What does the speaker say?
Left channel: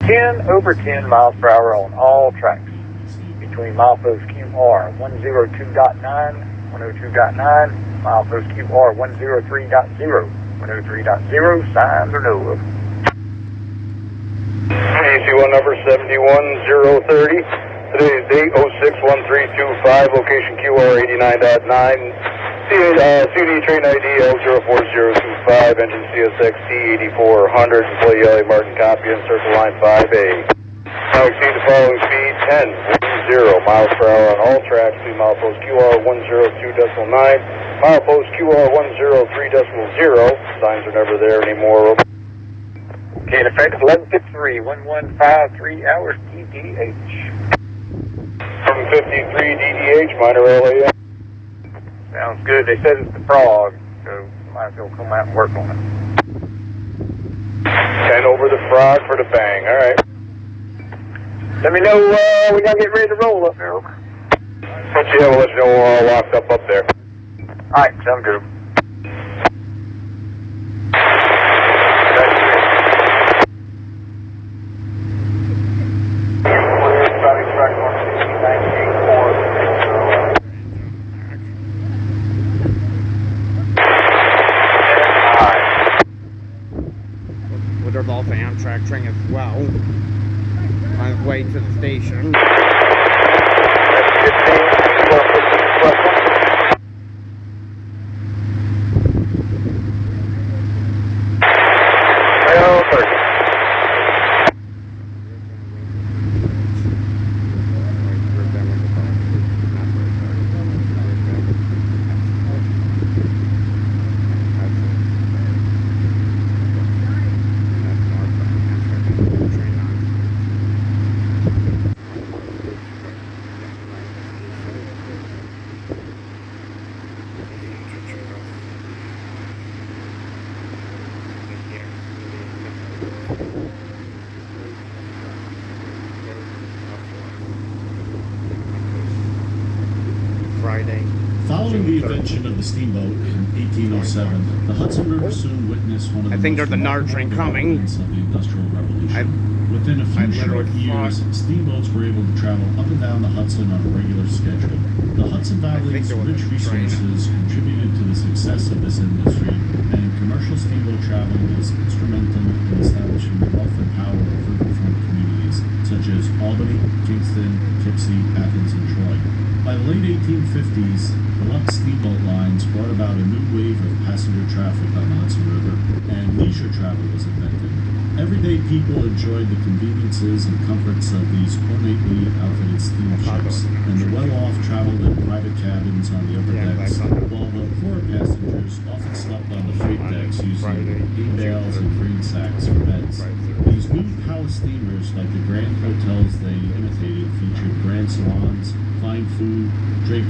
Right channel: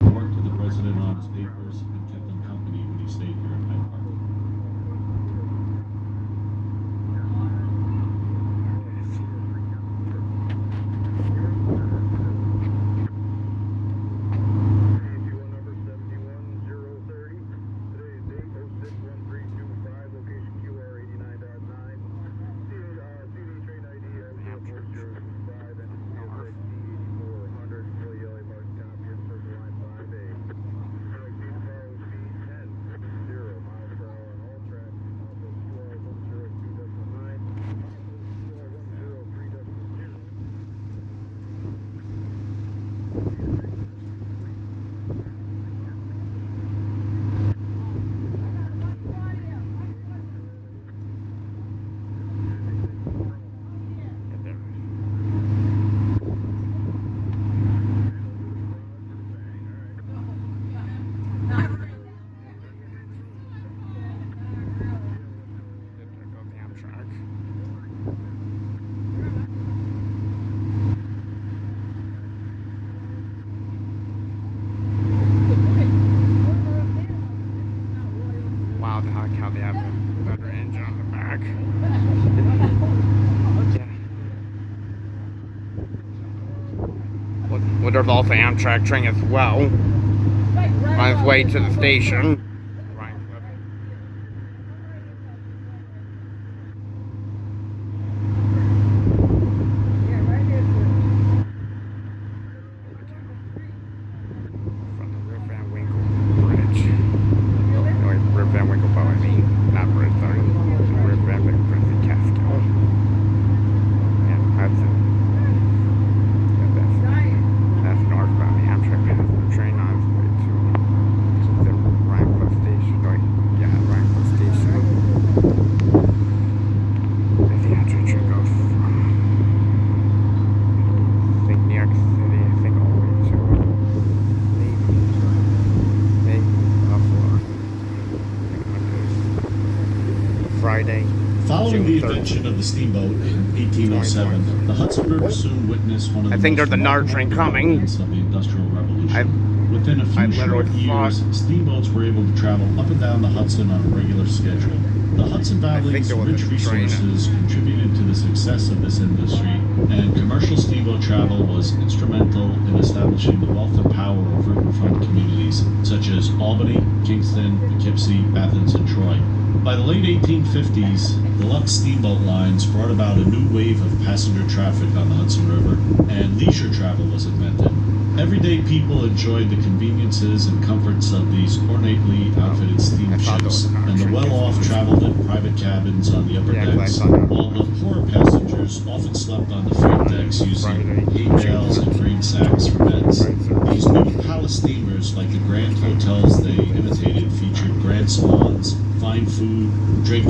10 over 10 miles per hour on all tracks between milepost QR 102.9, 102.9, milepost QR 103.0, 103.0, signs are no. AC1 number 71030. Today's date 061325, location QR 89.9. CD train ID L04025, engine CSXT 8400, employee LA Martin copy, and circle line 5A. Now exceed the following speed 10 miles per hour on all tracks between milepost QR 102.9, milepost QR 103.0. Signs are never there anymore. Okay, in effect 11:53, 1153 hours DDH. From 53 DDH, minor LAM. Sounds good. They said it's the frog, so might as well come out and work on it. 10 over the frog for the bang. All right. Let me know when y'all get ready to roll up there. Over. Yeah, we'll let you know we're all locked up there. All right, sounds good. There's also Amtrak train as well on its way to the station. Following the invention of the steamboat in 1807, the Hudson River soon witnessed one of the I think there's another train coming. of the Industrial Revolution. Within a few short years, steamboats were able to travel up and down the Hudson on a regular schedule. The Hudson Valley's rich resources contributed to the success of this industry, and commercial steamboat travel was instrumental in establishing the wealth and power of riverfront communities such as Albany, Kingston, Poughkeepsie, Athens, and Troy. By the late 1850s, the Lux steamboat lines brought about a new wave of passenger traffic on the Hudson River, and leisure travel was invented. Everyday people enjoyed the conveniences and comforts of these ornately outfitted steamships, and the well-off traveled in private cabins on the upper decks, while the poorer passengers often slept on the freight decks using hay bales and grain sacks for beds. These new palace steamers, like the grand hotels they imitated, featured grand salons, fine food, drinking,